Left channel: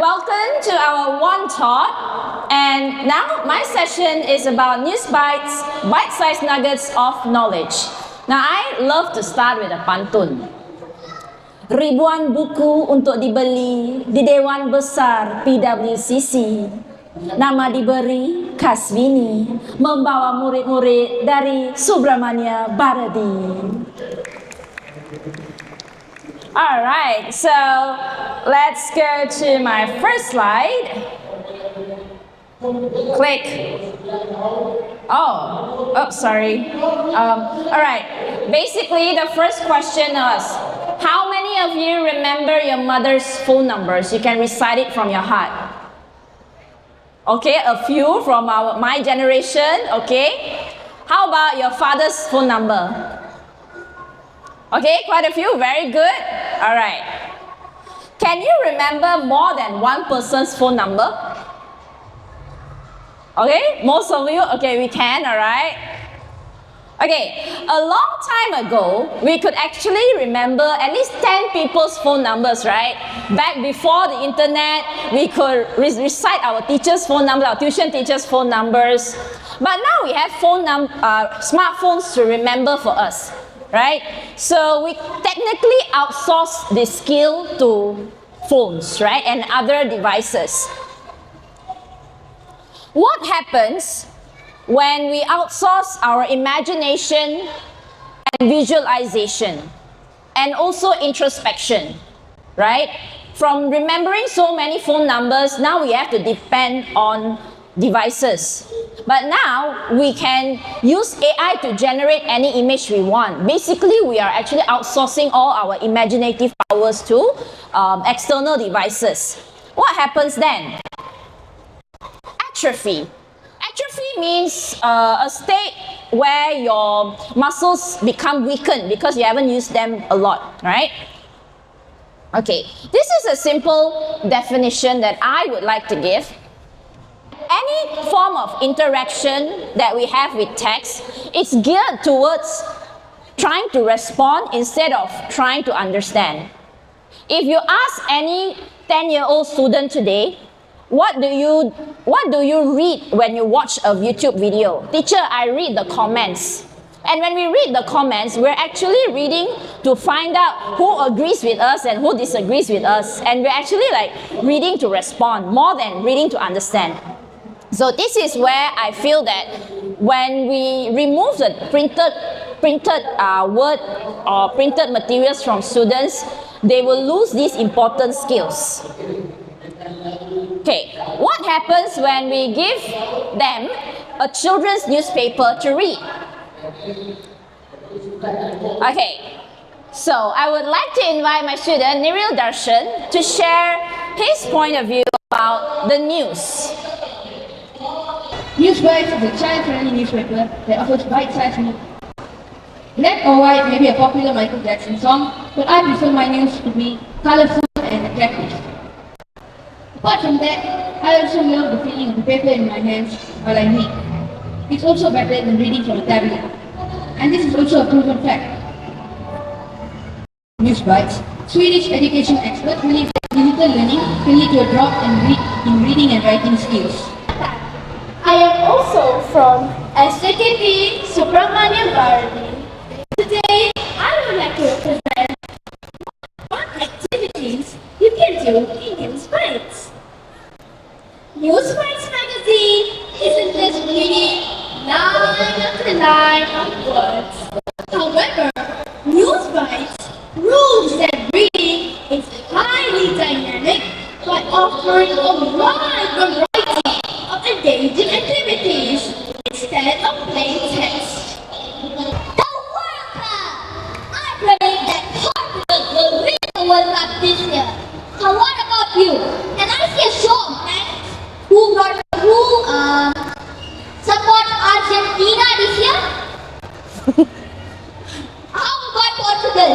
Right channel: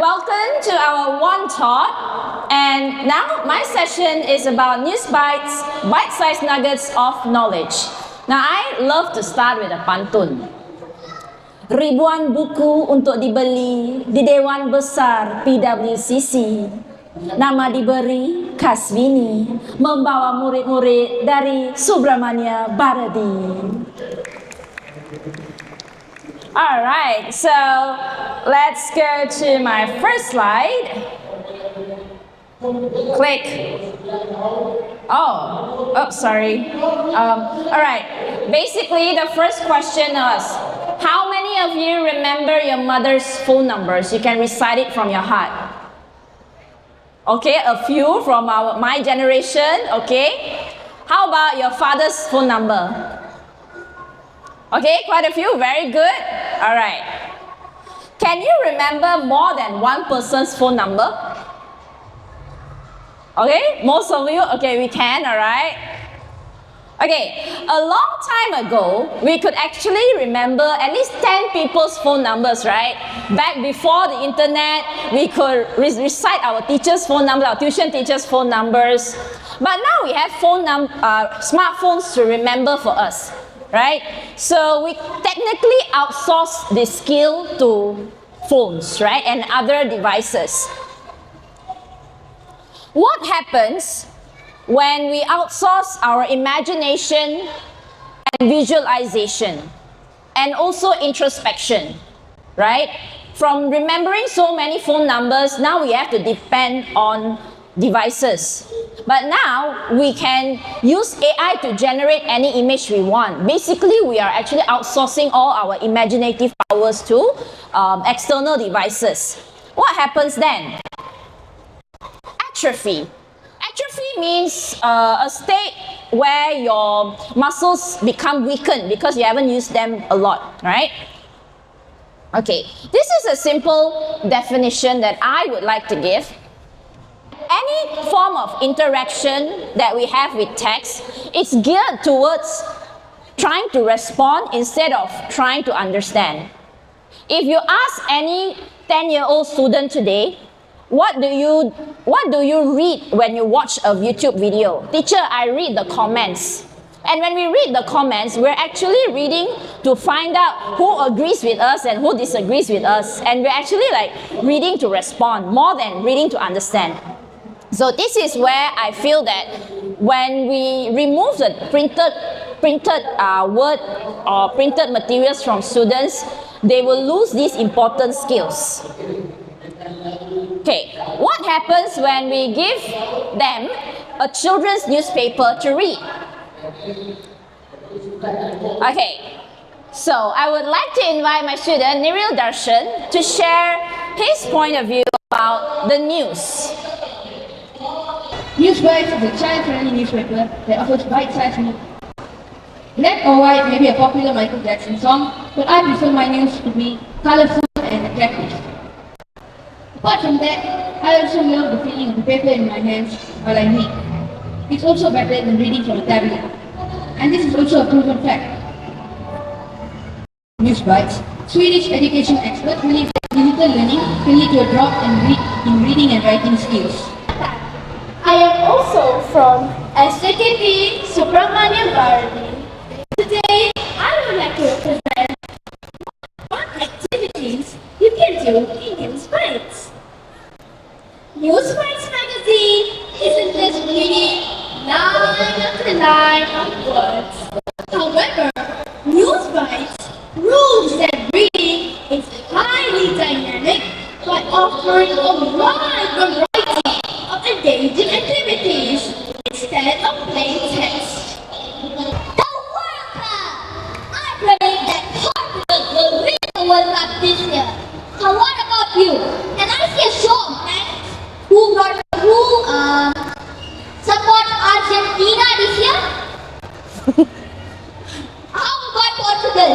welcome to our One Thought. And now my session is about NEWSBITES, bite-sized nuggets of knowledge. Now I love to start with a pantun. Ribuan buku untuk dibeli di Dewan Besar PWCC. Nama diberi Kasvini, membawa murid-murid dari Subramania Bharati. Alright, so let's go to my first slide. Click. Sorry. Alright, basically the first question is, how many of you remember your mother's phone numbers? You can recite it from your heart. Okay, a few from my generation, okay? How about your father's phone number? Okay, quite a few, very good. Alright. Can you remember more than one person's phone number? Okay, most of you, okay, we can, alright. Okay, a long time ago, we could actually remember at least 10 people's phone numbers, right? Back before the internet, we could recite our teacher's phone number, our tuition teacher's phone numbers. But now we have smartphones to remember for us, right? So we technically outsource this skill to phones, right? And other devices. What happens when we outsource our imagination and visualization and also introspection, right? From remembering so many phone numbers, now we have to depend on devices. But now we can use AI to generate any image we want. Basically, we are actually outsourcing all our imaginative powers to external devices. What happens then? Atrophy. Atrophy means a state where your muscles become weakened because you haven't used them a lot, right? Okay, this is a simple definition that I would like to give. Any form of interaction that we have with text, it's geared towards trying to respond instead of trying to understand. If you ask any 10-year-old student today, what do you read when you watch a YouTube video? Teacher, I read the comments. And when we read the comments, we're actually reading to find out who agrees with us and who disagrees with us. And we're actually like reading to respond more than reading to understand. So this is where I feel that when we remove the printed word or printed materials from students, they will lose these important skills. Okay, what happens when we give them a children's newspaper to read? Okay, so I would like to invite my student Niril Darshan to share his point of view about the news. NEWSBITES is a child-friendly newspaper that offers bite-sized news. Black or white may be a popular Michael Jackson song, but I prefer my news to be colorful and attractive. Apart from that, I also love the feeling of the paper in my hands while I read. It's also better than reading from a tablet. And this is also a proven fact. NEWSBITES, Swedish education experts believe that digital learning can lead to a drop in reading and writing skills. I am also from SJKT Subramania Bharati. Today, I would like to represent what activities you can do in NEWSBITES. NEWSBITES magazine isn't just reading line after line of words. However, NEWSBITES proves that reading is highly dynamic by offering a wide variety of engaging activities instead of plain text. The World Cup! I predict that Portugal will win the World Cup this year. So what about you? Can I see a show of hands who support Argentina this year? How about Portugal?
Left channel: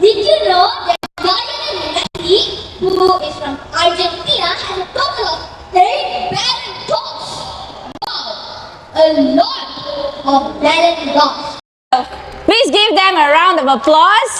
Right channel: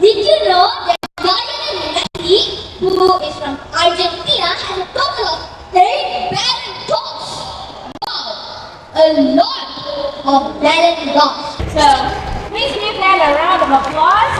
Did you know that Lionel Messi, who is from Argentina, has a total of 8 Ballon d'Ors? Wow, a lot of Ballon d'Ors. So please give them a round of applause.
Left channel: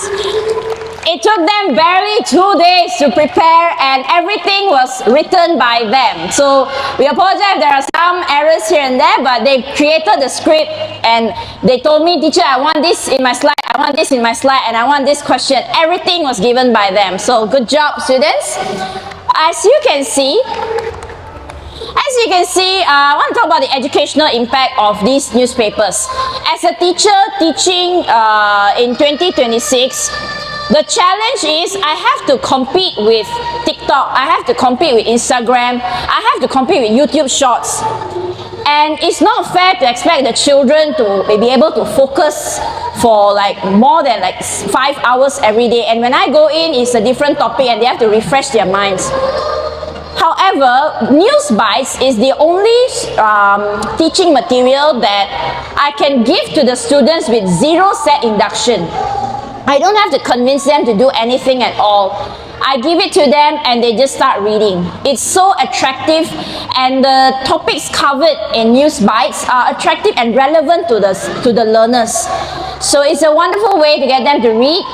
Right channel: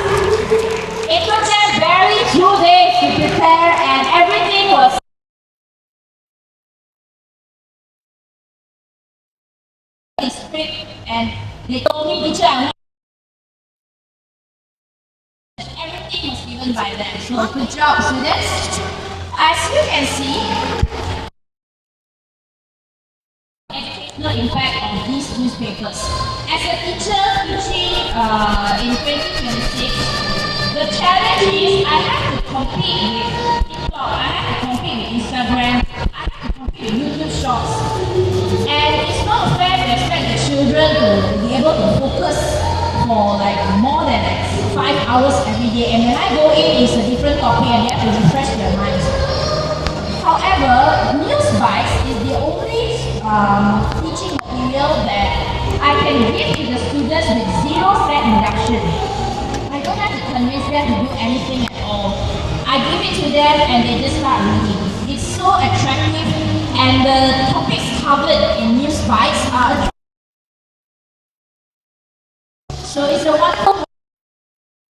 It took them barely 2 days to prepare and everything was written by them. So we apologize if there are some errors here and there, but they created the script and they told me, teacher, I want this in my slide, I want this in my slide, and I want this question. Everything was given by them. So good job, students. As you can see, I want to talk about the educational impact of these newspapers. As a teacher teaching in 2026, the challenge is I have to compete with TikTok, I have to compete with Instagram, I have to compete with YouTube Shorts. And it's not fair to expect the children to be able to focus for like more than like 5 hours every day. And when I go in, it's a different topic and they have to refresh their minds. However, NEWSBITES is the only teaching material that I can give to the students with zero set induction. I don't have to convince them to do anything at all. I give it to them and they just start reading. It's so attractive and the topics covered in NEWSBITES are attractive and relevant to the learners. So it's a wonderful way to get them to read.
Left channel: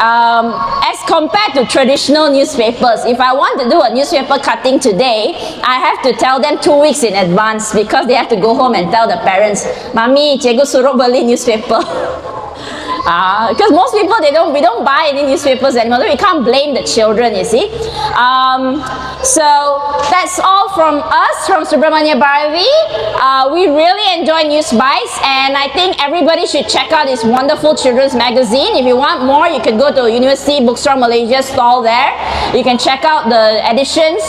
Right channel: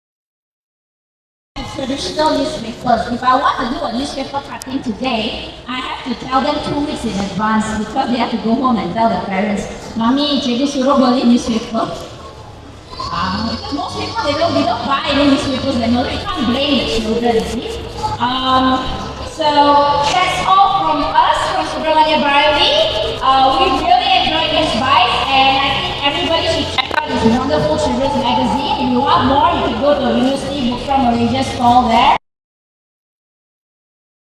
As compared to traditional newspapers, if I want to do a newspaper cutting today, I have to tell them 2 weeks in advance because they have to go home and tell the parents, Mami, cikgu suruh beli newspaper. Because most people, we don't buy any newspapers anymore. We can't blame the children, you see. So that's all from us, from Subramania Bharati. We really enjoy NEWSBITES and I think everybody should check out this wonderful children's magazine. If you want more, you can go to University Bookstore Malaysia stall there. You can check out the editions.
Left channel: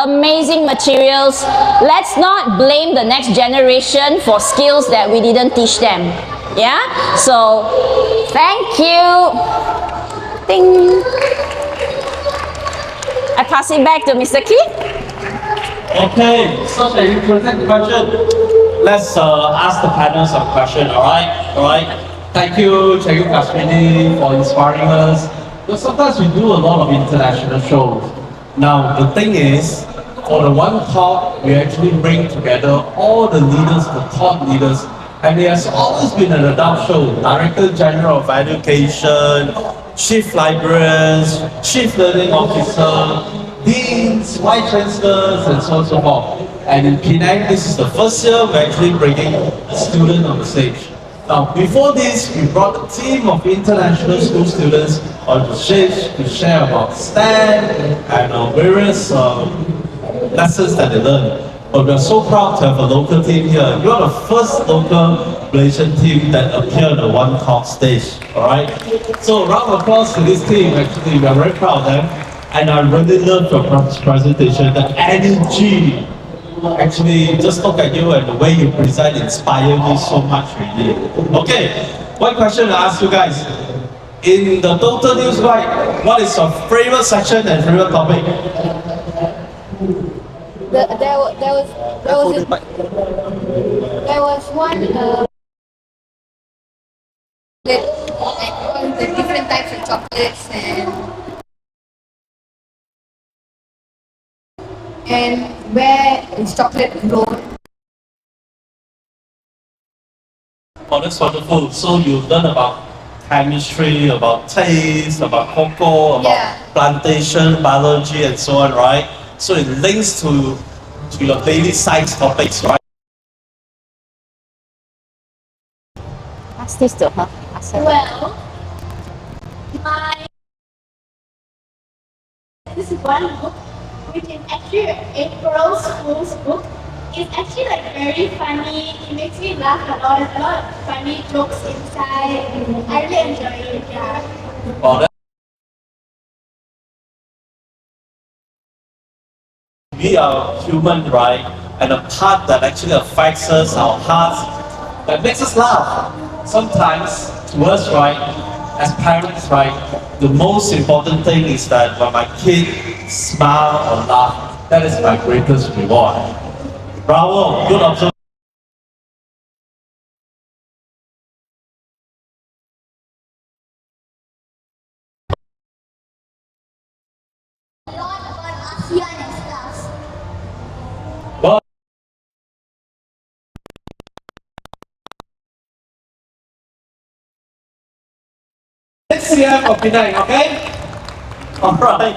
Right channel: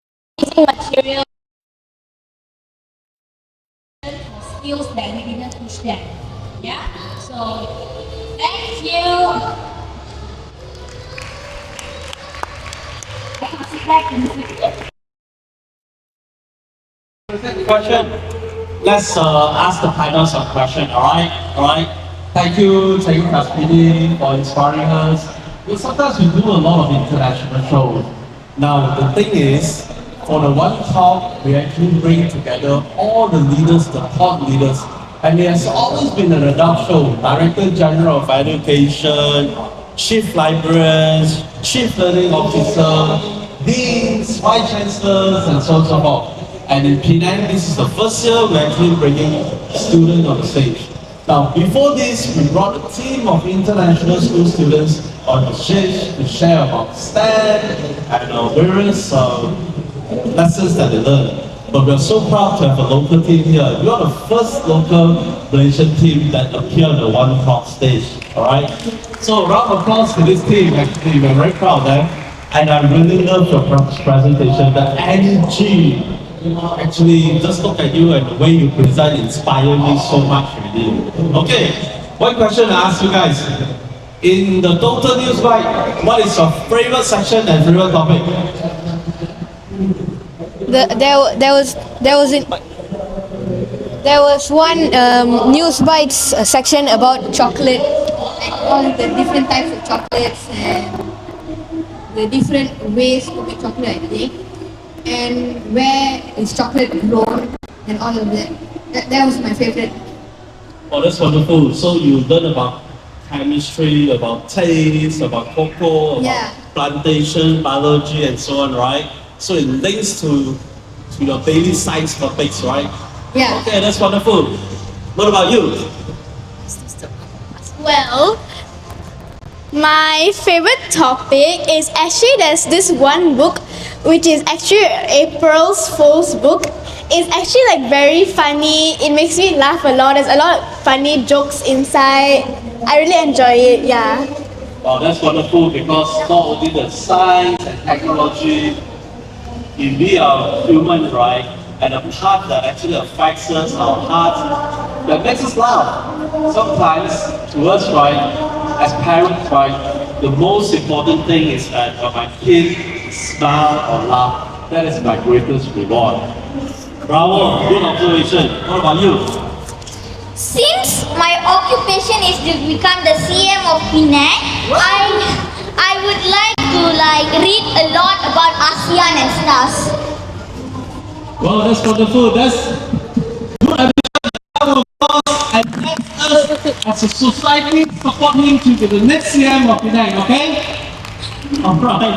Amazing materials. Let's not blame the next generation for skills that we didn't teach them. Yeah? So, thank you. Ding. I pass it back to Mr. Key. Okay, such an interesting question. Let's ask the panel some question, alright? Thank you, Kashmini, for inspiring us. But sometimes we do a lot of international shows. Now, the thing is, for the one talk, we actually bring together all the leaders, the top leaders, and it has always been an adult show. Director General of Education, Chief Librarians, Chief Learning Officer, Deans, Vice Chancellors, and so on and so forth. And in Penang, this is the first year we're actually bringing a student on stage. Now, before this, we brought a team of international school students on stage to share about STEM and various lessons that they learned. But we're so proud to have a local team here. You are the first local Malaysian team that appeared on One Talk stage, alright? So round of applause to this team, actually, we're very proud of them. And I really love your presentation, the energy. Actually, just look at you and the way you present inspire me so much, really. Okay, one question to ask you guys. In the total NEWSBITE, what is your favorite section and favorite topic? There was one NEWSBITES section about chocolate, like all the different types of chocolates and the different ways to make chocolate, I think, and where is chocolate grown and all of that. That was my favorite. Oh, that's wonderful. So you learn about chemistry, about taste, about cocoa, about plantation, biology, and so on, right? So it links to your daily science topics, right? Yeah. Okay, that's wonderful. What about you? Ask this to her. Ask her. Well, my favorite topic is actually there's this one book which is actually April's Fool's book. It's actually like very funny. It makes me laugh a lot. There's a lot of funny jokes inside. I really enjoy it, yeah. Well, that's wonderful because not only the science and technology, we are human, right? And a part that actually affects us, our hearts, that makes us laugh. Sometimes, to us, right, as parents, right, the most important thing is that when my kid smile or laugh, that is my greatest reward. Bravo, good observation. What about you? Since my occupation is to become the CM of Penang, I would like to read a lot about ASEAN and stuff. Well, that's wonderful. That's good. And next us as as a society, support him to be the next CM of Penang, okay? Alright.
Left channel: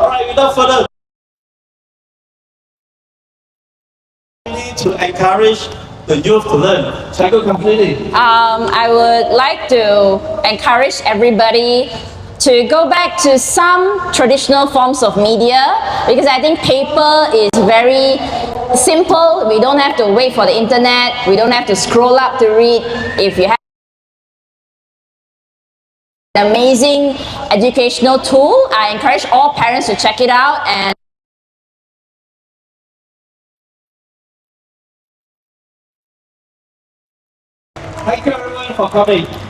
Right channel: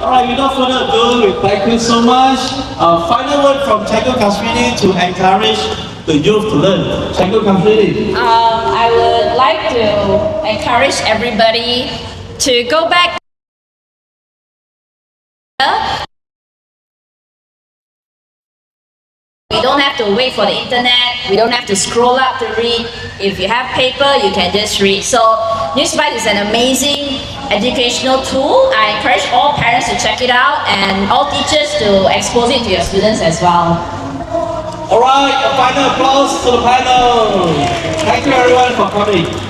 Alright, without further ado, thank you so much. Final word from Cikgu Kasmini to encourage the youth to learn. Cikgu Kasmini. I would like to encourage everybody to go back to some traditional forms of media, because I think paper is very simple. We don't have to wait for the internet. We don't have to scroll up to read. If you have paper, you can just read. So NEWSBITES is an amazing educational tool. I encourage all parents to check it out and all teachers to expose it to your students as well. Alright, a final applause to the panel. Thank you everyone for coming.